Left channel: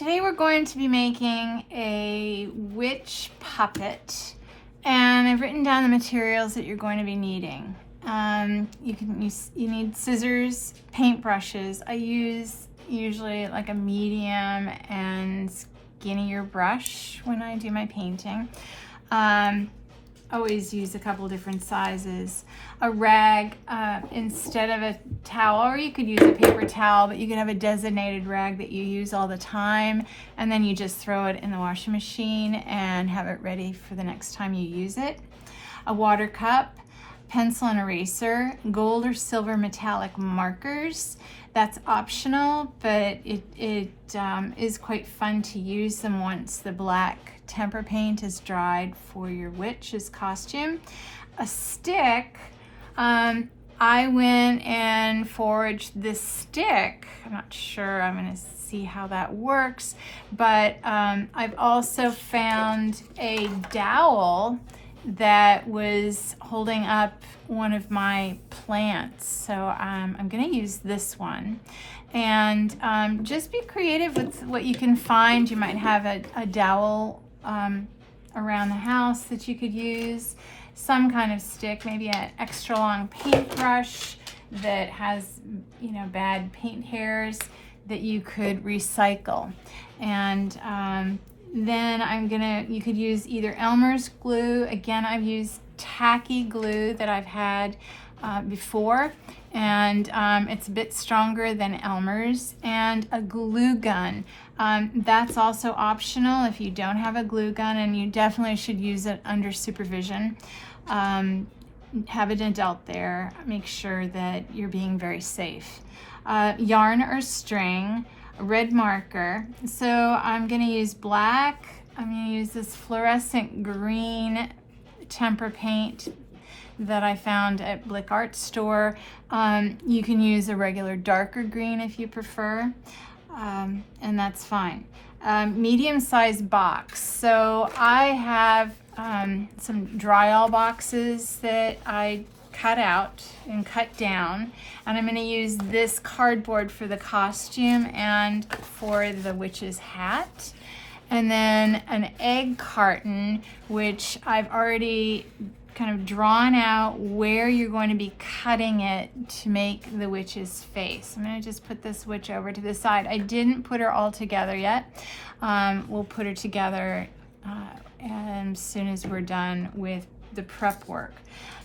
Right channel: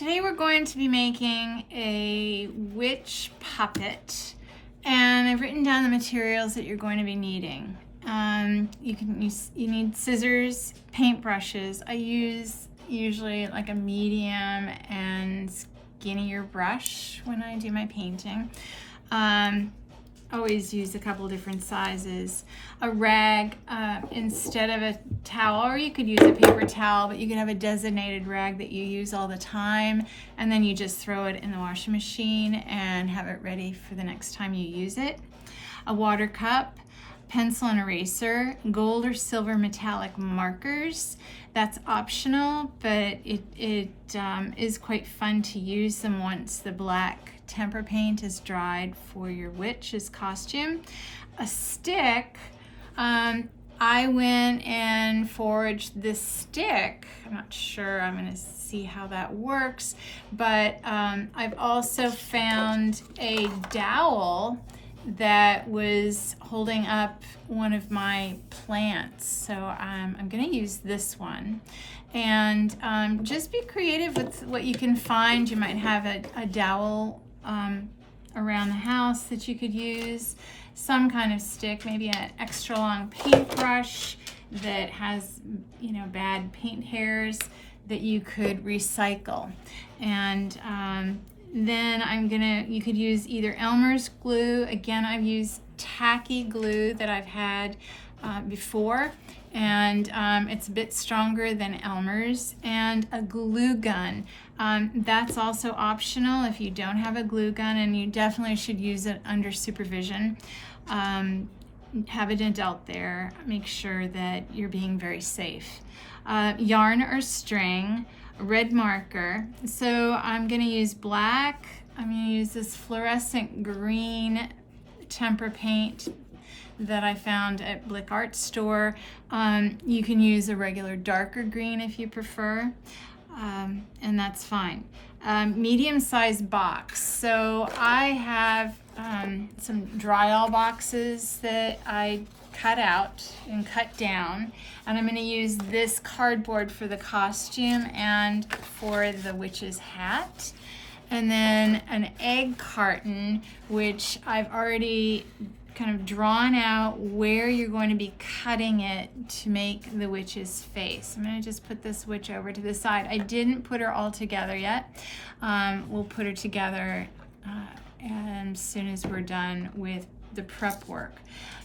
Today we're going to be making a witch puppet, and I've written down the materials that you're going to be needing. You need scissors, paint brushes. I use usually like a medium and skinnier brush when I do my painting. Always use a couple different sizes. A rag instead of a towel, or you could use a paper towel, but you could have a designated rag that you use all the time, and then you just throw it in the washing machine and have it ready for the next time you use it. A water cup, pencil and eraser, gold or silver metallic markers. That's optional, but it is quite fun to use them once the black tempera paint is dried for your witch's costume. A stick, I went and foraged this stick. I'm not sure, I'm gonna see how that works, but I've also found a dowel that was holding up one of my plants. So I'm gonna use this one. And just be creative with what you can find. You might have a dowel around the house that you could use, some kind of stick, maybe an extra long paintbrush that has, you know, bad paint hairs that you could recycle. And then you could use either Elmer's glue. Again, I've used tacky glue that I've had before, and it's a bit stronger than Elmer's, and a glue gun. That's also optional if you don't have a glue gun, and you definitely should use it under supervision. Have an adult there. Make sure that you're being very safe. Yarn or string, a red marker. So I'm going to use black. I'm going to use this fluorescent green tempera paint that I found at Blick Art Store. You can use a regular darker green if you prefer, and that's fine. Medium-sized box. So I have some drywall boxes that I cut out and cut down, and I'm going to use this cardboard for the costume and for the witch's hat. And then an egg carton, which I've already kind of drawn out where you're going to be cutting it to make the witch's face. I'm going to just put this witch over to the side. I didn't put her all together yet. We'll put her together as soon as we're done with the prep work.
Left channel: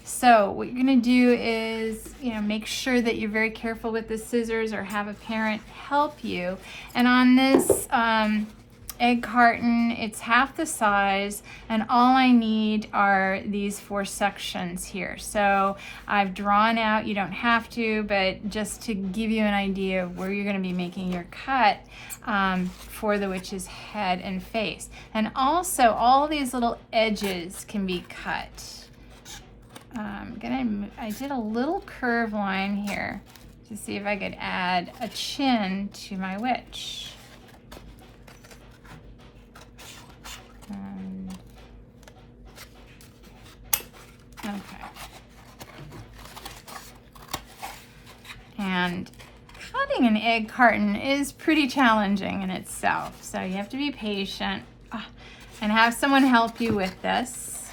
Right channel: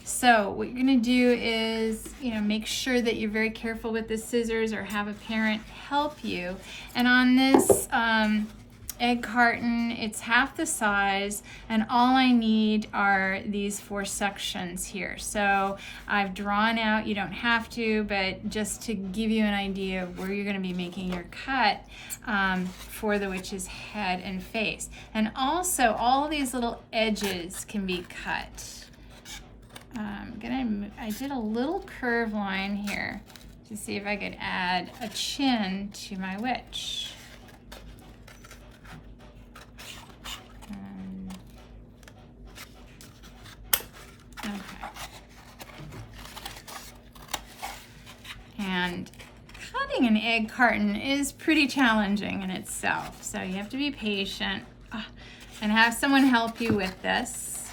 So what you're going to do is, make sure that you're very careful with the scissors, or have a parent help you. And on this egg carton, it's half the size, and all I need are these 4 sections here. So I've drawn out, you don't have to, but just to give you an idea of where you're going to be making your cut for the witch's head and face. And also all these little edges can be cut. I did a little curve line here to see if I could add a chin to my witch. Okay. And cutting an egg carton is pretty challenging in itself, so you have to be patient and have someone help you with this,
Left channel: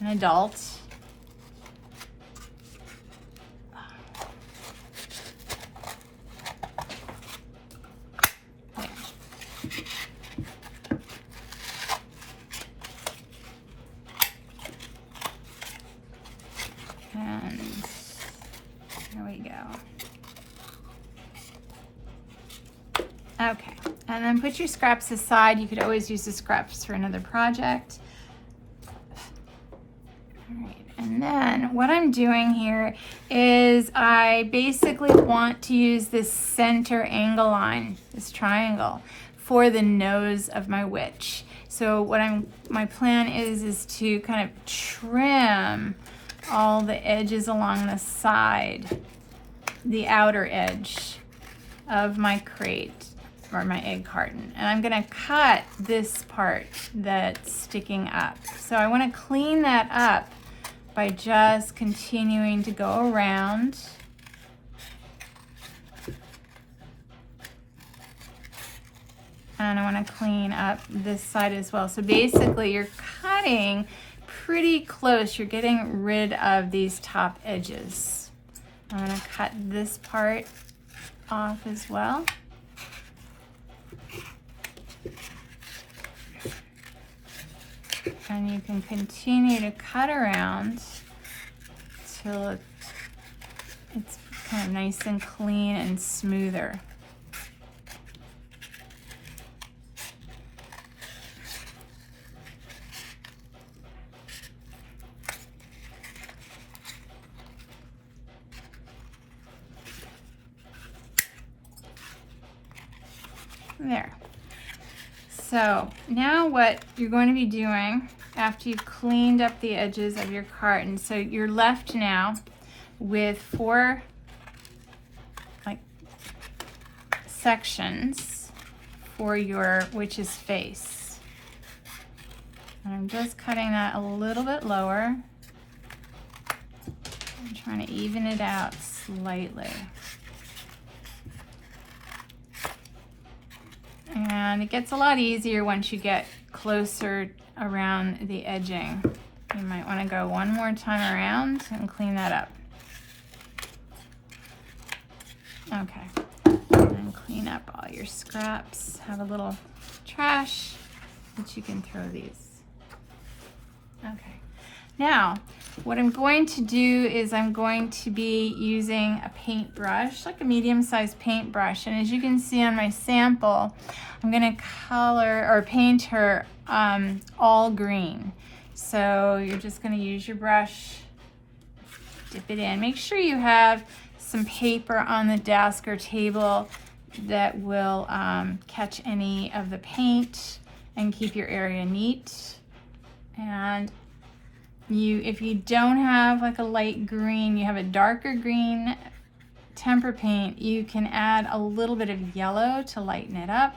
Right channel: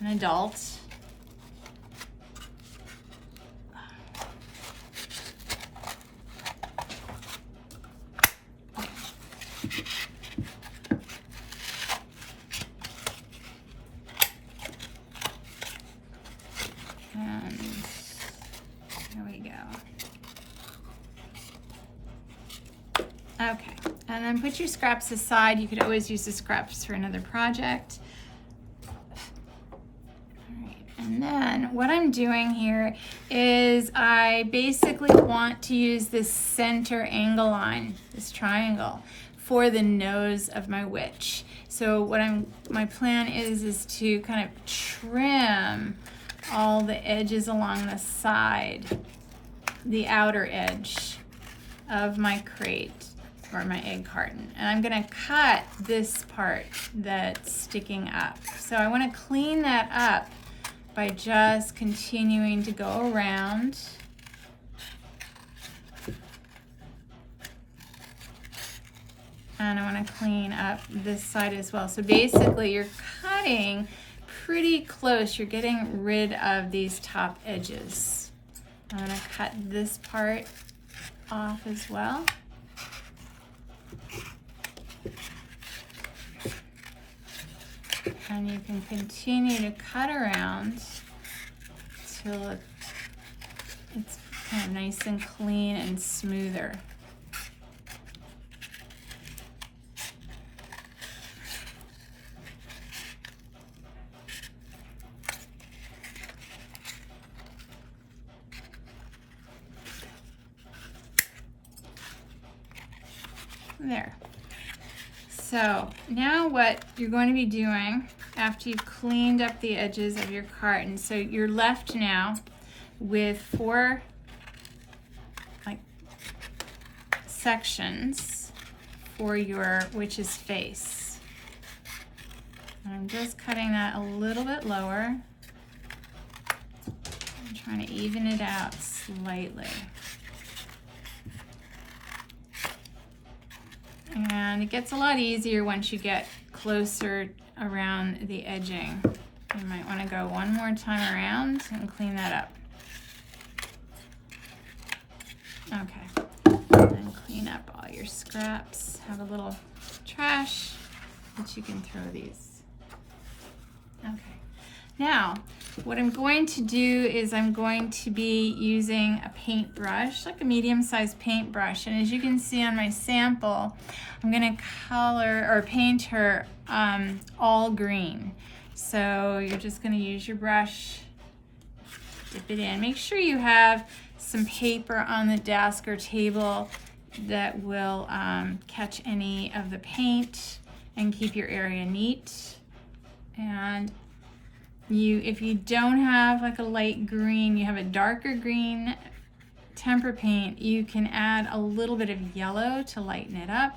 an adult. And there we go. Okay, and then put your scraps aside. You could always use the scraps for another project. All right, and then what I'm doing here is I basically want to use this center angle line, this triangle, for the nose of my witch. So my plan is to kind of trim all the edges along the side, the outer edge of my crate or my egg carton. And I'm gonna cut this part that's sticking up. So I wanna clean that up by just continuing to go around And I want to clean up this side as well. So basically you're cutting pretty close. You're getting rid of these top edges. I'm going to cut this part off as well. And you can continue to cut around till it's kind of nice and clean and smoother. There. So now what you're going to be doing after you've cleaned up the edges of your carton, so you're left now with 4 like sections for your witch's face. And I'm just cutting that a little bit lower. I'm trying to even it out slightly. And it gets a lot easier once you get closer around the edging. You might want to go one more time around and clean that up. Okay. And clean up all your scraps. Have a little trash that you can throw these. Okay. Now, what I'm going to do is I'm going to be using a paintbrush, like a medium-sized paintbrush. And as you can see on my sample, I'm going to color or paint her all green. So you're just going to use your brush, dip it in. Make sure you have some paper on the desk or table that will catch any of the paint and keep your area neat. And if you don't have like a light green, you have a darker green tempera paint, you can add a little bit of yellow to lighten it up,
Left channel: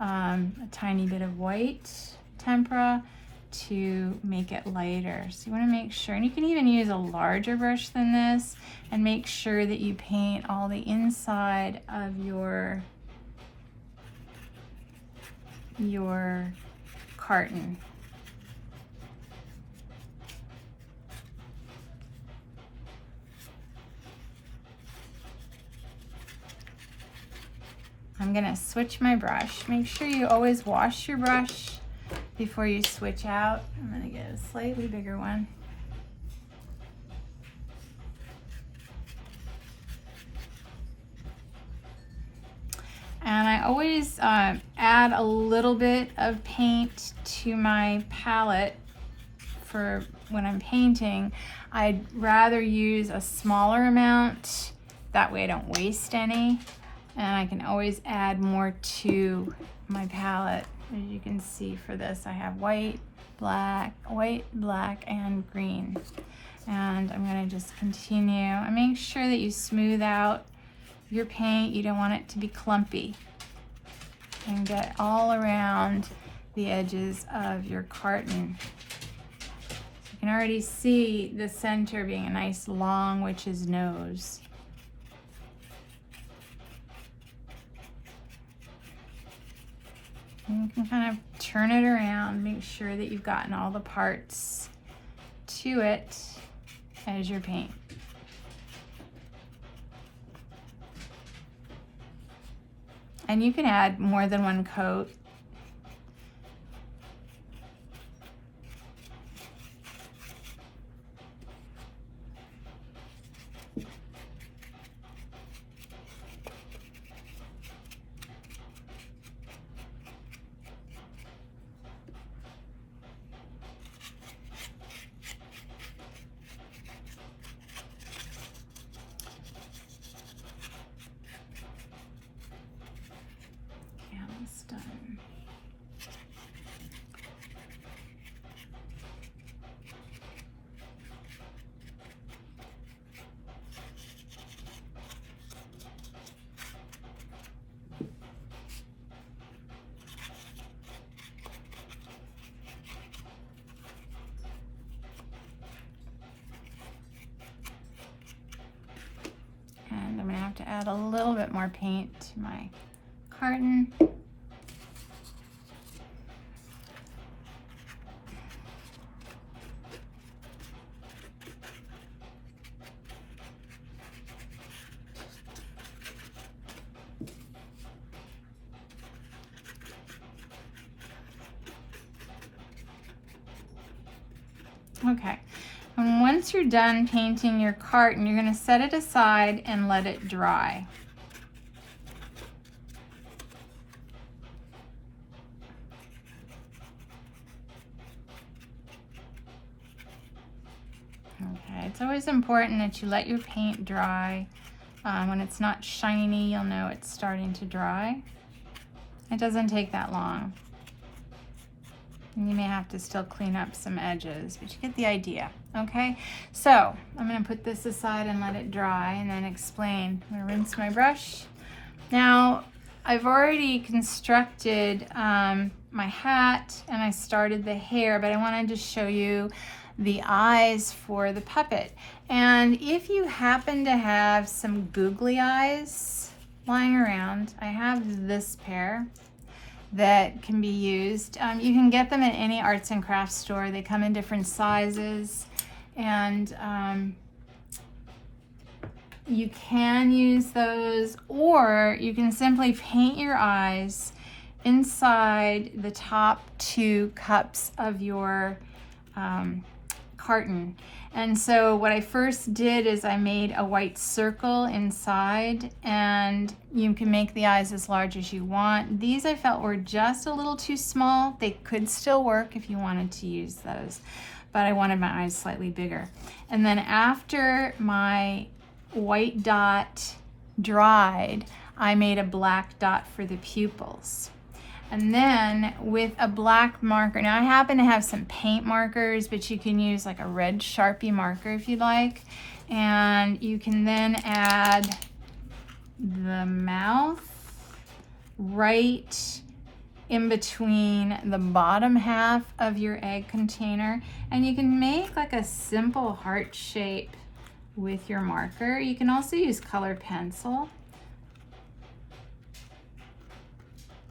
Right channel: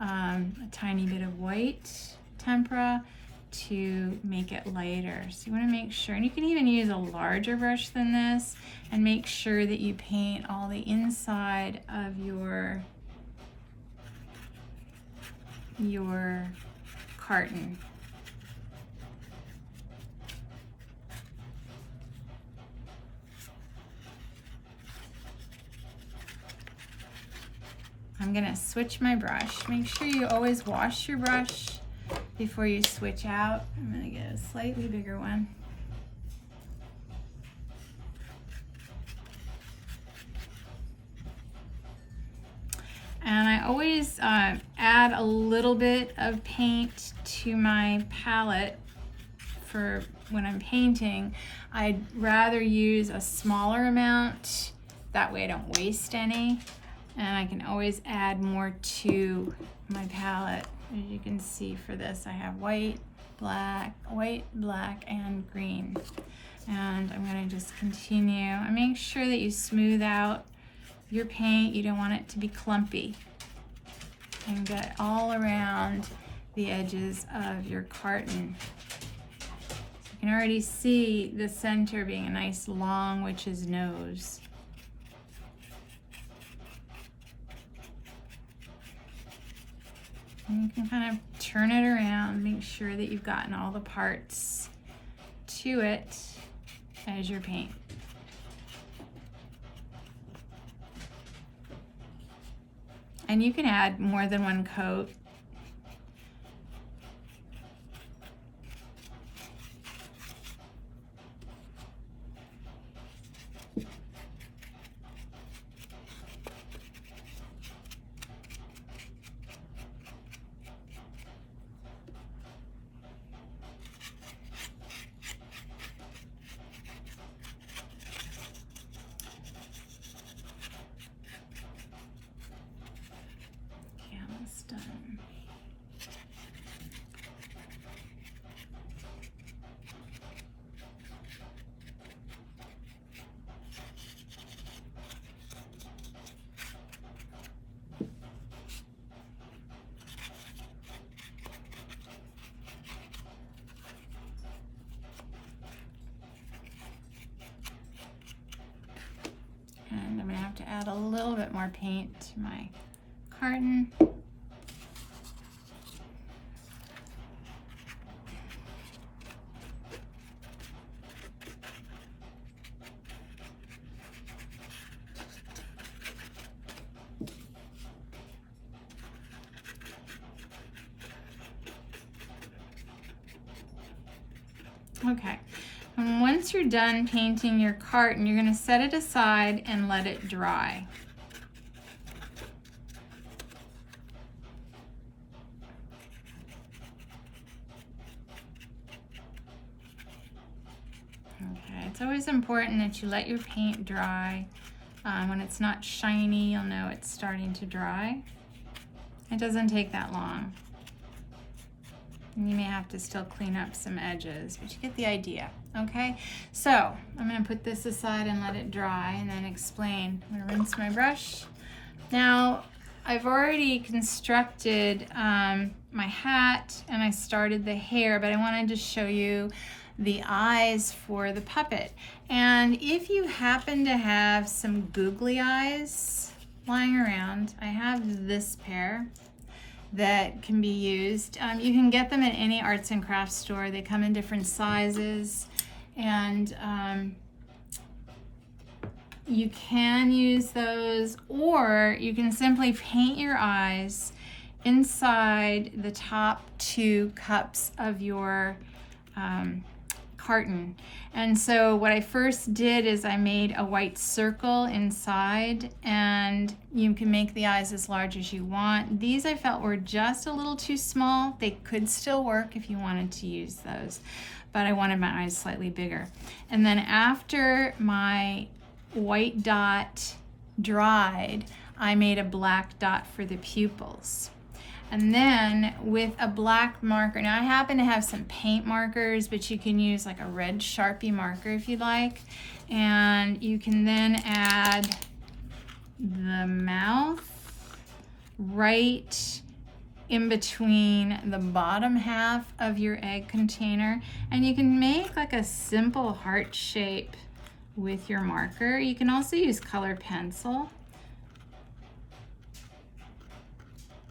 a tiny bit of white tempera to make it lighter. So you want to make sure, and you can even use a larger brush than this, and make sure that you paint all the inside of your carton. I'm gonna switch my brush. Make sure you always wash your brush before you switch out. I'm gonna get a slightly bigger one. And I always add a little bit of paint to my palette for when I'm painting. I'd rather use a smaller amount, that way I don't waste any. And I can always add more to my palette. As you can see for this, I have white, black, and green. And I'm gonna just continue. And make sure that you smooth out your paint. You don't want it to be clumpy. And get all around the edges of your carton. You can already see the center being a nice long witch's nose. And you can kind of turn it around, make sure that you've gotten all the parts to it as your paint. And you can add more than one coat. Done. And I'm going to have to add a little bit more paint to my carton. Okay, and once you're done painting your carton, you're going to set it aside and let it dry. Okay, it's always important that you let your paint dry. When it's not shiny, you'll know it's starting to dry. It doesn't take that long. You may have to still clean up some edges, but you get the idea, okay? So I'm gonna put this aside and let it dry and then explain. I'm gonna rinse my brush. Now, I've already constructed my hat and I started the hair, but I wanted to show you the eyes for the puppet. And if you happen to have some googly eyes lying around, I have this pair that can be used. You can get them at any arts and crafts store. They come in different sizes, and you can use those, or you can simply paint your eyes inside the top 2 cups of your carton. And so what I first did is I made a white circle inside, and you can make the eyes as large as you want. These I felt were just a little too small. They could still work if you wanted to use those, but I wanted my eyes slightly bigger. And then after my white dot dried, I made a black dot for the pupils. And then with a black marker, now I happen to have some paint markers, but you can use like a red Sharpie marker if you'd like. And you can then add the mouth right in between the bottom half of your egg container. And you can make like a simple heart shape with your marker. You can also use colored pencil.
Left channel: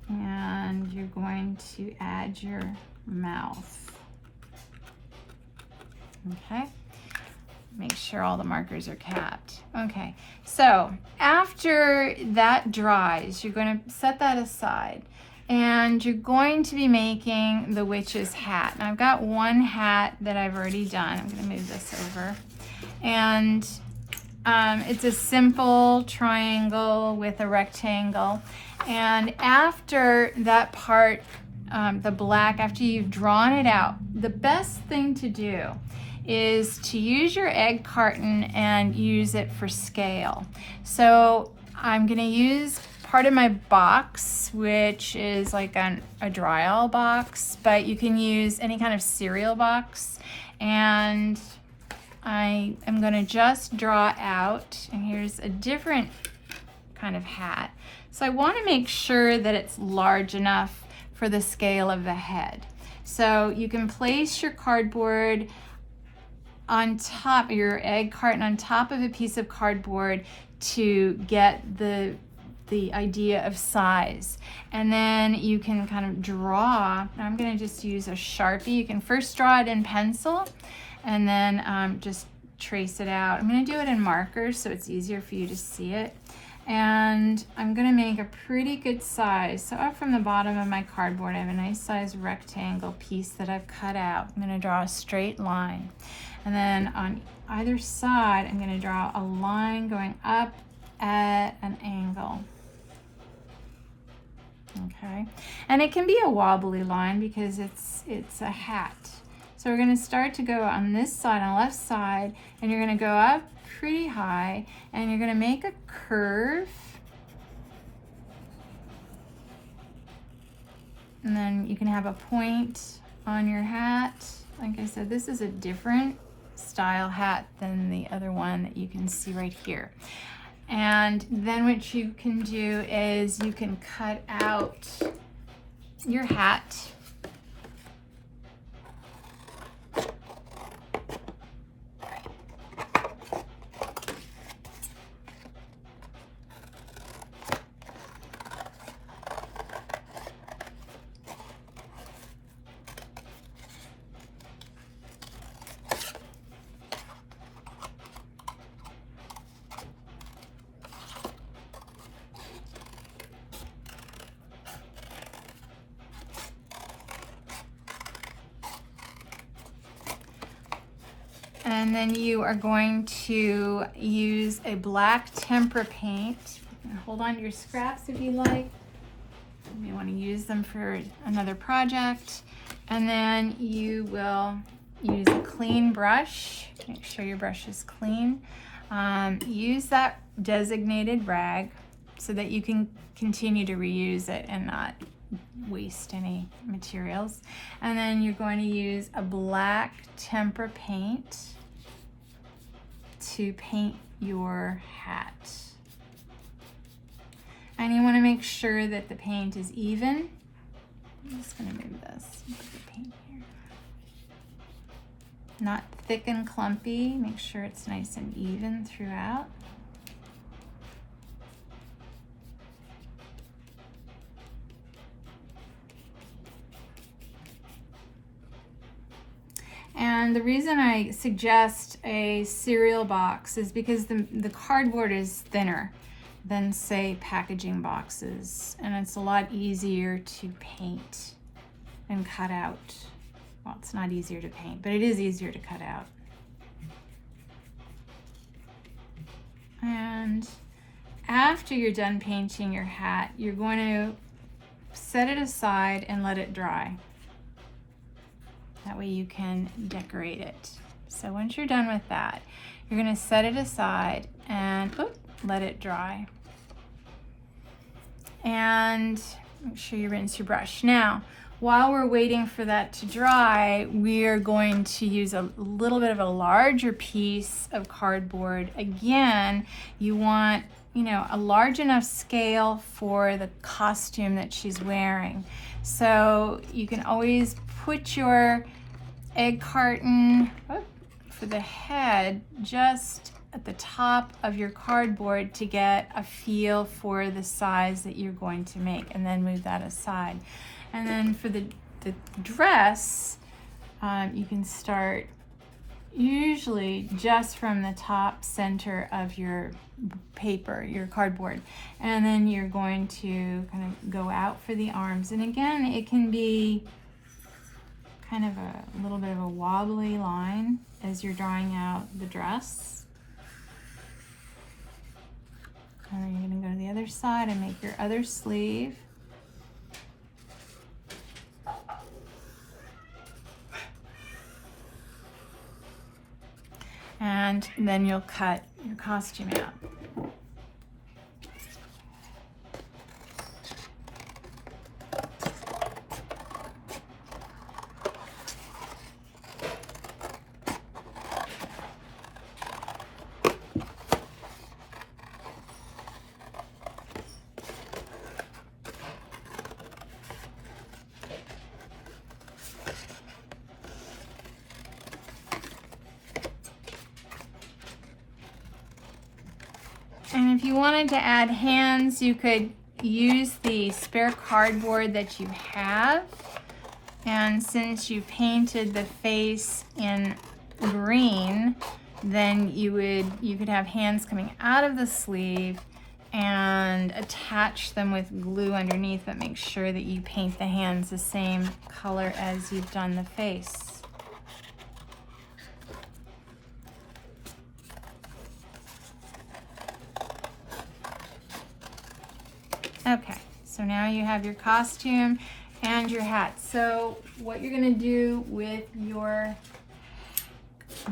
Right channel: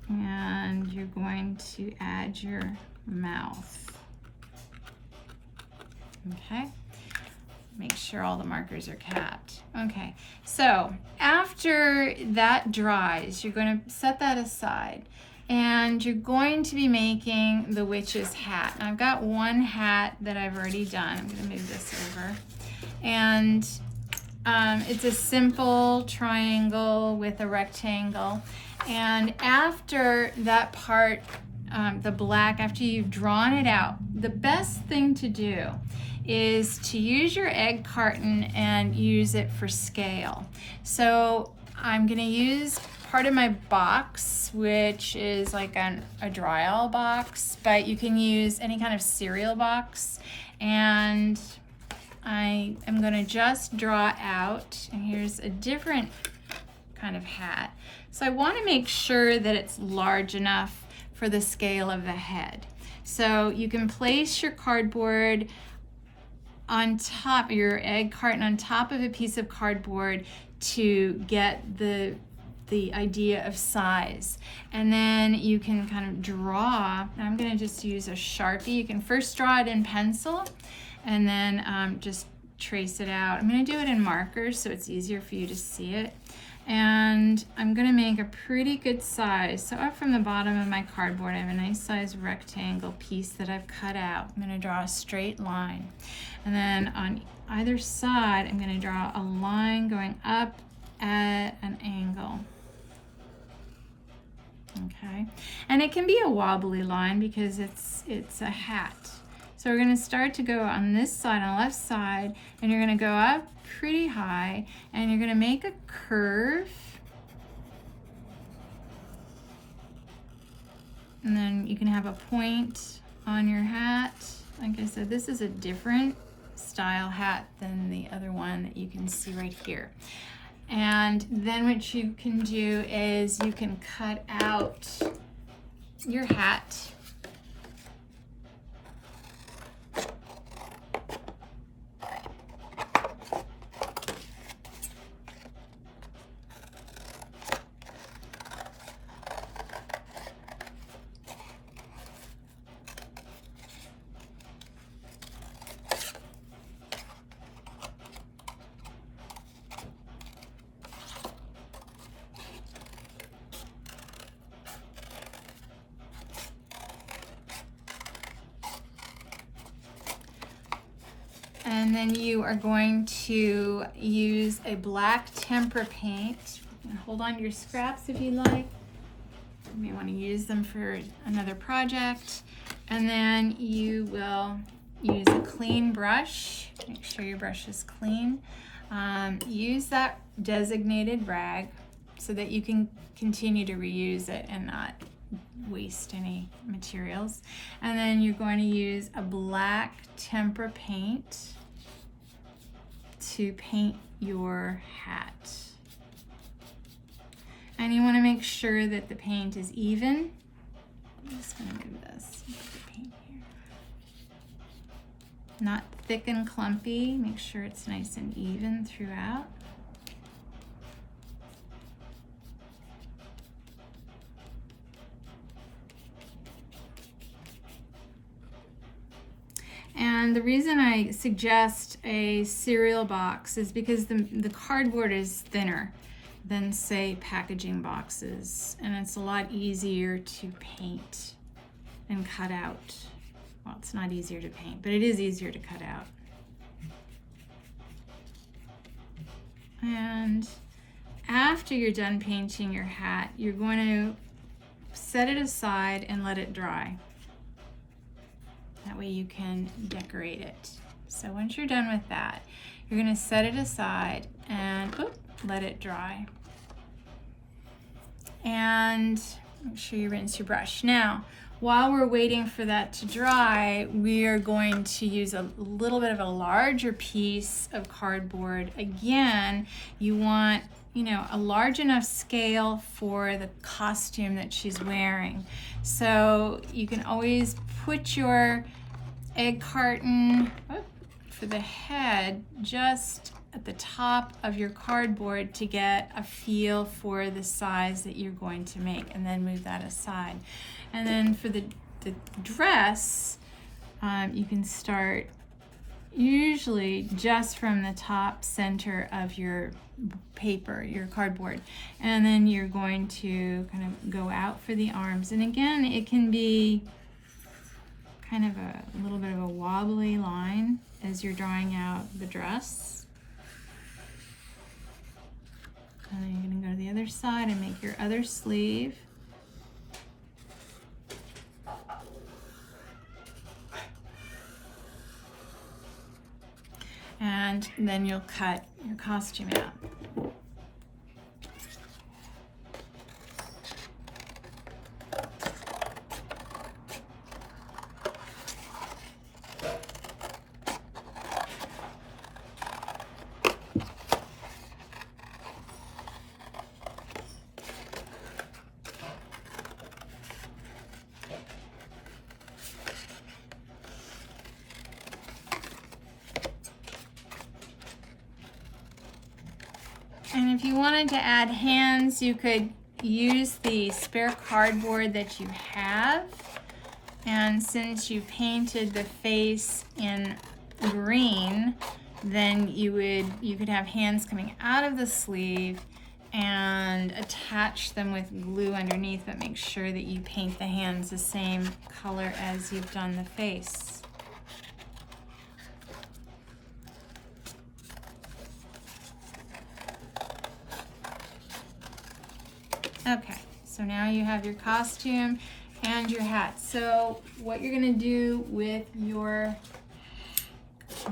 And you're going to add your mouth. Okay, make sure all the markers are capped. Okay, so after that dries, you're going to set that aside, and you're going to be making the witch's hat. And I've got one hat that I've already done. I'm going to move this over, and it's a simple triangle with a rectangle. And after that part, the black, after you've drawn it out, the best thing to do is to use your egg carton and use it for scale. So I'm gonna use part of my box, which is like a Dryall box, but you can use any kind of cereal box. And I am gonna just draw out, and here's a different kind of hat. So I want to make sure that it's large enough for the scale of the head. So you can place your cardboard on top, your egg carton on top of a piece of cardboard to get the idea of size. And then you can kind of draw. I'm going to just use a Sharpie. You can first draw it in pencil and then just trace it out. I'm going to do it in markers so it's easier for you to see it. And I'm gonna make a pretty good size. So up from the bottom of my cardboard, I have a nice size rectangle piece that I've cut out. I'm gonna draw a straight line. And then on either side, I'm gonna draw a line going up at an angle. Okay, and it can be a wobbly line because it's a hat. So we're gonna start to go on this side, on the left side, and you're gonna go up pretty high, and you're going to make a curve, and then you can have a point on your hat. Like I said, this is a different style hat than the other one that you can see right here. And then what you can do is you can cut out your hat. And then you are going to use a black tempera paint. Hold on to your scraps if you'd like. You may want to use them for another project. And then you will use a clean brush. Make sure your brush is clean. Use that designated rag so that you can continue to reuse it and not waste any materials. And then you're going to use a black tempera paint to paint your hat. And you want to make sure that the paint is even. I'm just going to move this. Put the paint here. Not thick and clumpy. Make sure it's nice and even throughout. And the reason I suggest a cereal box is because the cardboard is thinner than, say, packaging boxes, and it's a lot easier to paint and cut out. Well, it's not easier to paint, but it is easier to cut out. And after you're done painting your hat, you're going to set it aside and let it dry. That way you can decorate it. So once you're done with that, you're going to set it aside and let it dry. And make sure you rinse your brush. Now, while we're waiting for that to dry, we are going to use a little bit of a larger piece of cardboard. Again, you want, a large enough scale for the costume that she's wearing. So you can always put your egg carton for the head just at the top of your cardboard to get a feel for the size that you're going to make, and then move that aside. And then for the dress, you can start usually just from the top center of your paper, your cardboard, and then you're going to kind of go out for the arms. And again, it can be kind of a little bit of a wobbly line as you're drawing out the dress. And then you're going to go to the other side and make your other sleeve. And then you'll cut your costume out. And if you wanted to add hands, you could use the spare cardboard that you have. And since you painted the face in green, then you could have hands coming out of the sleeve and attach them with glue underneath, but make sure that you paint the hands the same color as you've done the face. Okay, so now you have your costume and your hat. So what you're gonna do with your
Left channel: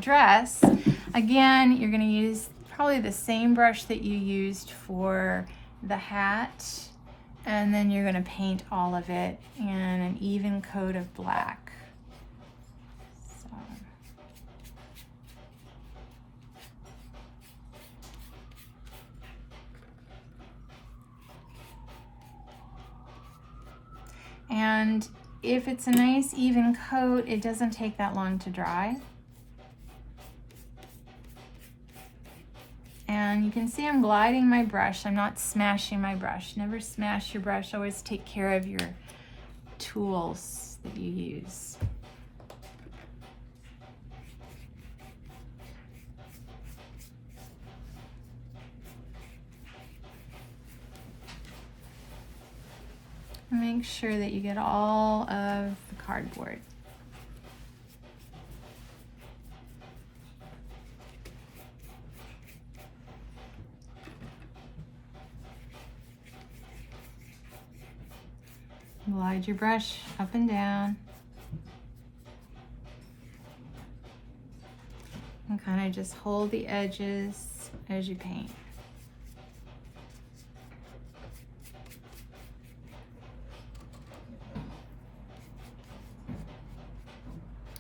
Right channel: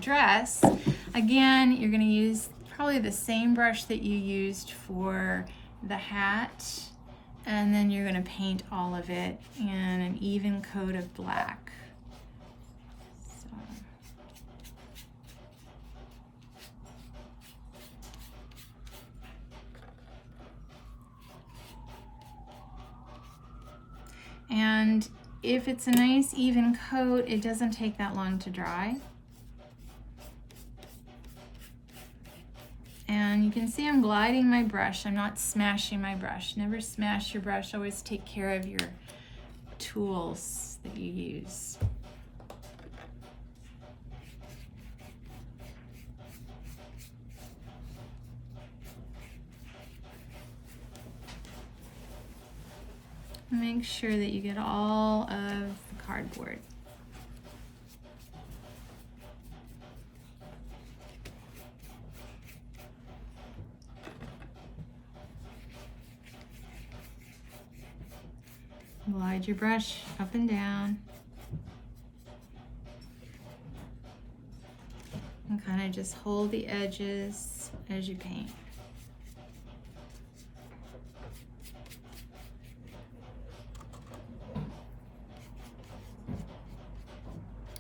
dress, again, you're gonna use probably the same brush that you used for the hat, and then you're gonna paint all of it in an even coat of black. And if it's a nice even coat, it doesn't take that long to dry. And you can see I'm gliding my brush. I'm not smashing my brush. Never smash your brush. Always take care of your tools that you use. Make sure that you get all of the cardboard. Glide your brush up and down. And kind of just hold the edges as you paint.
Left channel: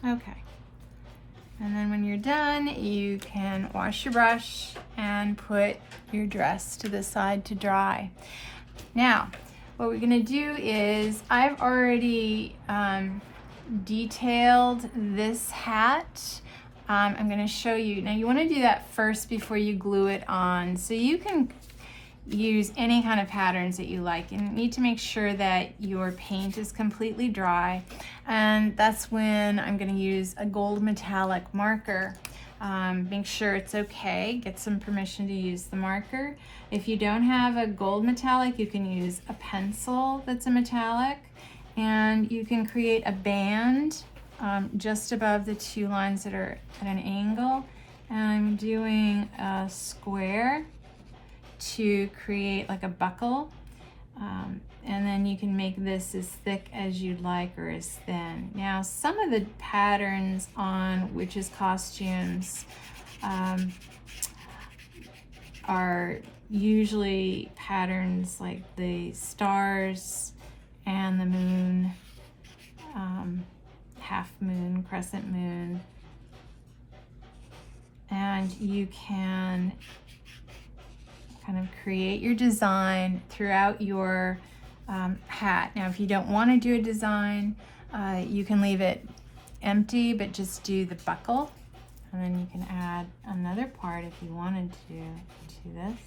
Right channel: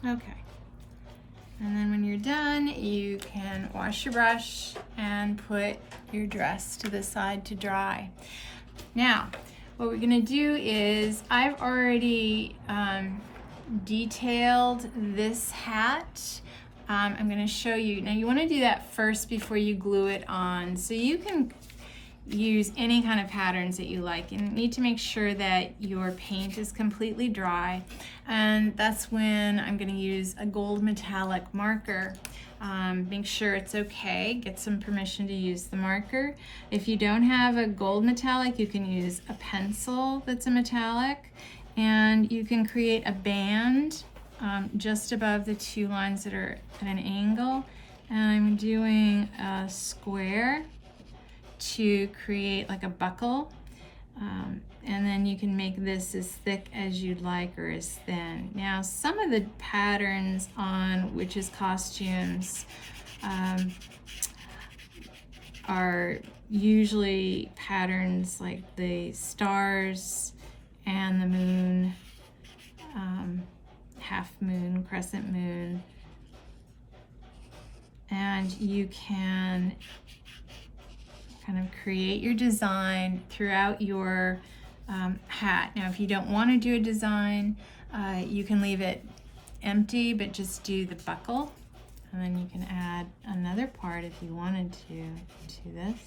Okay. And then when you're done, you can wash your brush and put your dress to the side to dry. Now, what we're gonna do is, I've already detailed this hat. I'm gonna show you. Now you wanna do that first before you glue it on. So you can use any kind of patterns that you like. You need to make sure that your paint is completely dry. And that's when I'm gonna use a gold metallic marker. Make sure it's okay, get some permission to use the marker. If you don't have a gold metallic, you can use a pencil that's a metallic, and you can create a band just above the two lines that are at an angle. And I'm doing a square to create like a buckle. And then you can make this as thick as you'd like or as thin. Now, some of the patterns on Witches Costumes are usually patterns like the stars and the moon, half moon, crescent moon. And you can kind of create your design throughout your hat. Now, if you don't want to do a design, you can leave it empty, but just do the buckle. And then you can add another part if you wanted to this.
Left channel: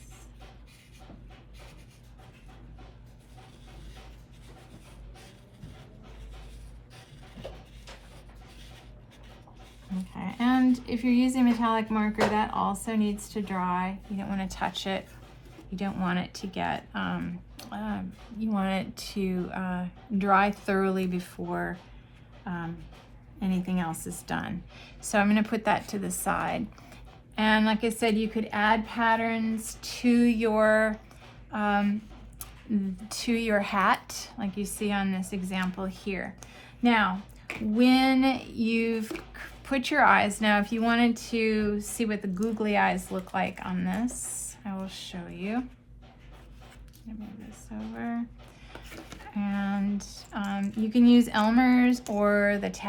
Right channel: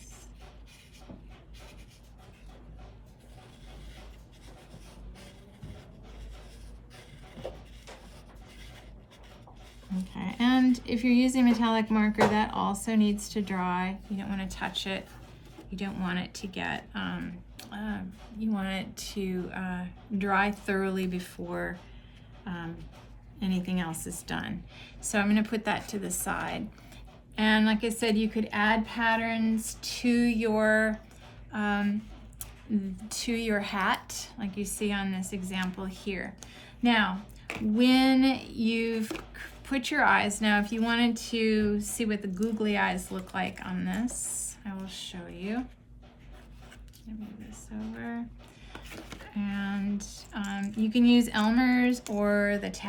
Okay, and if you're using metallic marker, that also needs to dry. You don't want to touch it. You don't want it to get, you want it to dry thoroughly before anything else is done. So I'm going to put that to the side. And like I said, you could add patterns to your hat, like you see on this example here. Now, when you've put your eyes, now if you wanted to see what the googly eyes look like on this, I will show you. Move this over. And you can use Elmer's or the tacky